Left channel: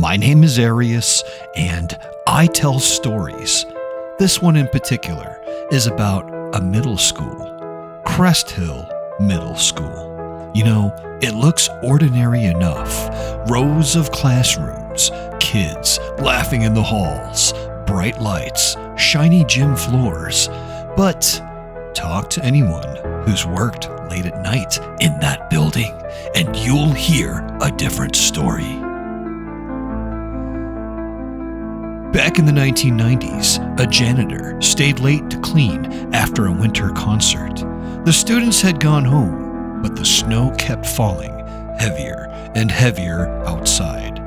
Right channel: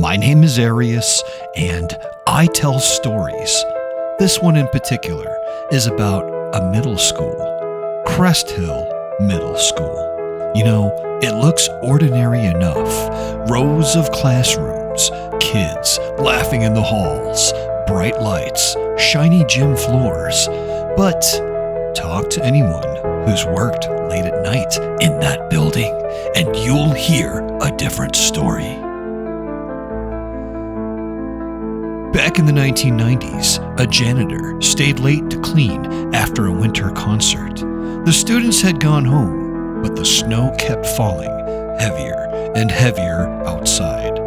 My name is Arius, and I tell stories. This one in particular is about a middle school, Cresthill Middle School. You know, it looks ordinary enough. Rows of classrooms, kids laughing in the halls, bright lights, shiny gym floors. But talk to anyone who's worked late at night in that building, and you'll hear a different story. Back in the 1990s, a janitor stayed late to clean after a winter concert. The students had gone home, but the snow kept falling heavier and heavier outside.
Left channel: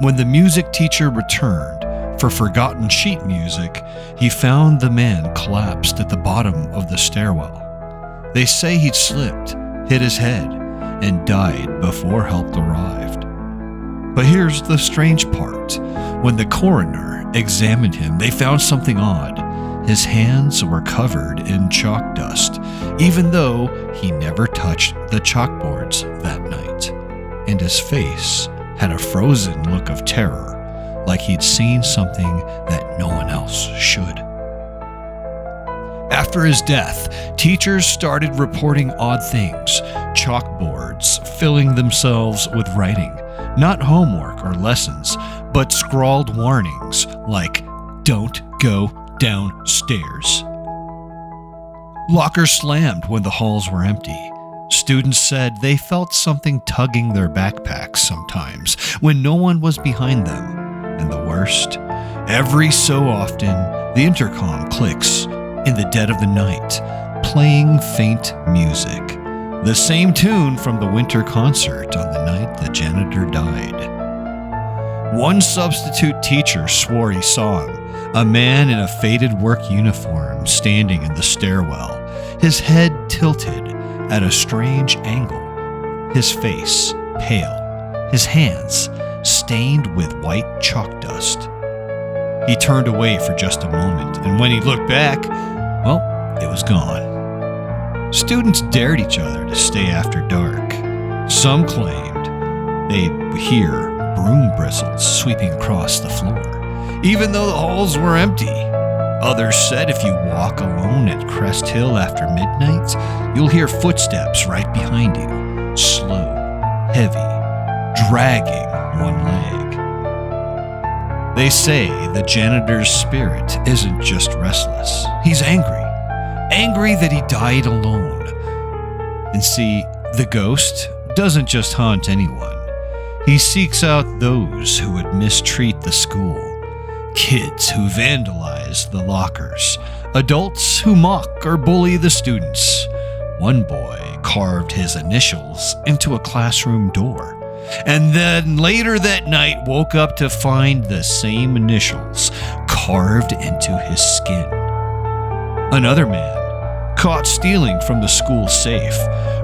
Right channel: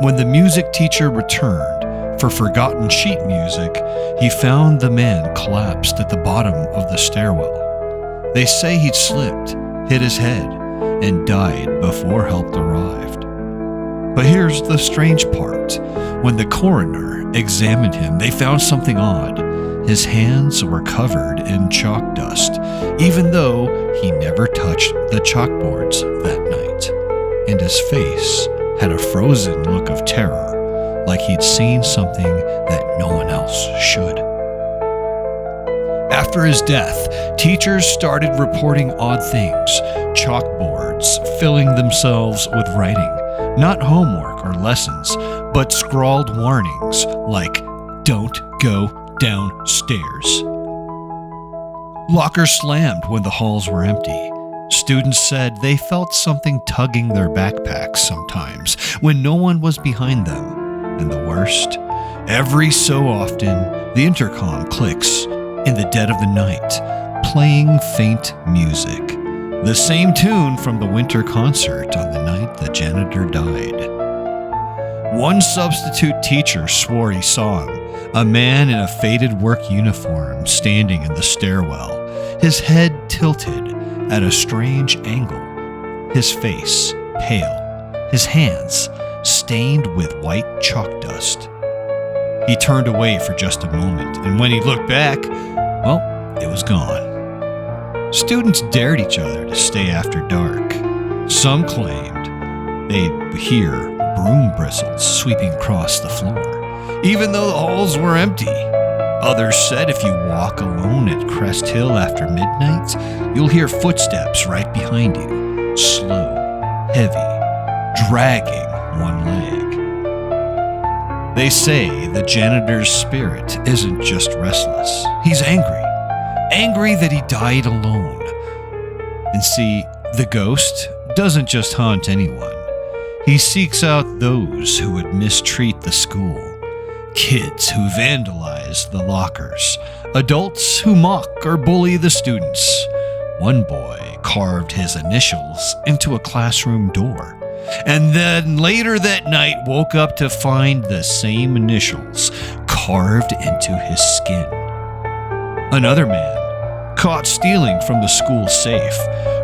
When the music teacher returned for forgotten sheet music, he found the man collapsed at the bottom of the stairwell. They say he'd slipped, hit his head, and died before help arrived. But here's the strange part. When the coroner examined him, they found something odd. His hands were covered in chalk dust, even though he never touched the chalkboards that night. And his face had a frozen look of terror, like he'd seen something that no one else should. After his death, teachers started reporting odd things, chalkboards filling themselves with writing, not homework or lessons, but scrawled warnings like, "Don't go downstairs." Lockers slammed when the halls were empty. Students said they felt something tugging their backpacks sometimes when no one was behind them. And the worst, every so often, the intercom clicks in the dead of the night, playing faint music. The same tune from the winter concert on the night the janitor died. One substitute teacher swore he saw him, a man in a faded work uniform standing in the stairwell, his head tilted at a strange angle, his face pale, his hands stained with white chalk dust. He turned away for just a moment, and when he looked back, well, it was gone. Students dared each other to stay after dark. Some claimed they'd hear broom bristles sweeping across the floor, even though the halls were empty. Others said if you walk alone at Cresthill after midnight, you'll hear footsteps right behind you, slow, heavy, dragging one leg. They say the janitor's spirit isn't just restless. He's angry that he died alone. And see, the ghost doesn't just haunt anyone. He seeks out those who would mistreat the school, kids who vandalize the lockers, adults who mock or bully the students. One boy carved his initials into a classroom door, and then later that night woke up to find the same initials carved into his skin. Another man, caught stealing from the school safe,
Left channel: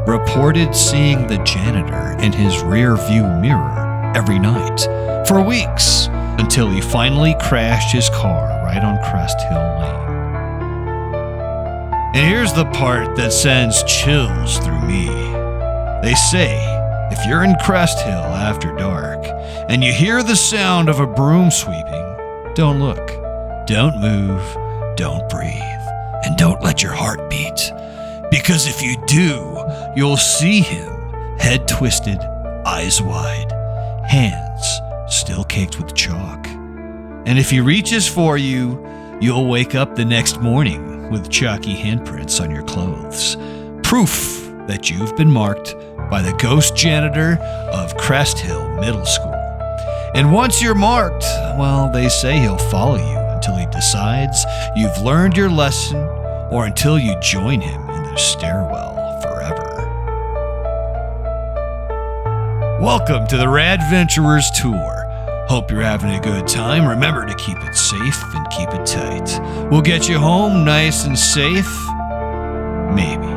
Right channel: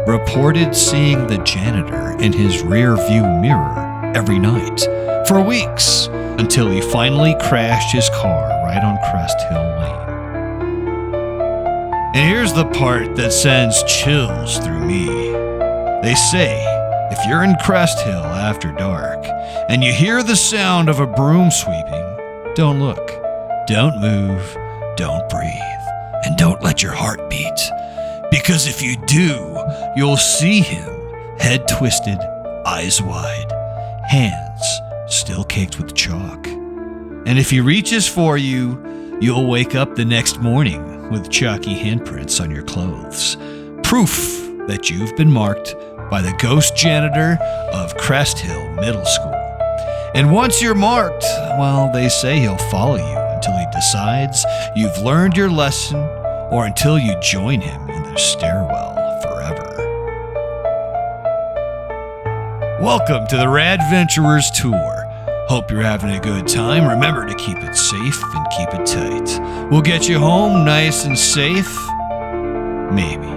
reported seeing the janitor in his rear view mirror every night for weeks, until he finally crashed his car right on Cresthill Lane. And here's the part that sends chills through me. They say, if you're in Cresthill after dark, and you hear the sound of a broom sweeping, don't look, don't move, don't breathe, and don't let your heart beat. Because if you do, you'll see him, head twisted, eyes wide, hands still caked with chalk. And if he reaches for you, you'll wake up the next morning with chalky handprints on your clothes. Proof that you've been marked by the Ghost Janitor of Cresthill Middle School. And once you're marked, well, they say he'll follow you until he decides you've learned your lesson, or until you join him in the stairwell forever. Welcome to the Radventurers Tour. Hope you're having a good time. Remember to keep it safe and keep it tight. We'll get you home nice and safe. Maybe.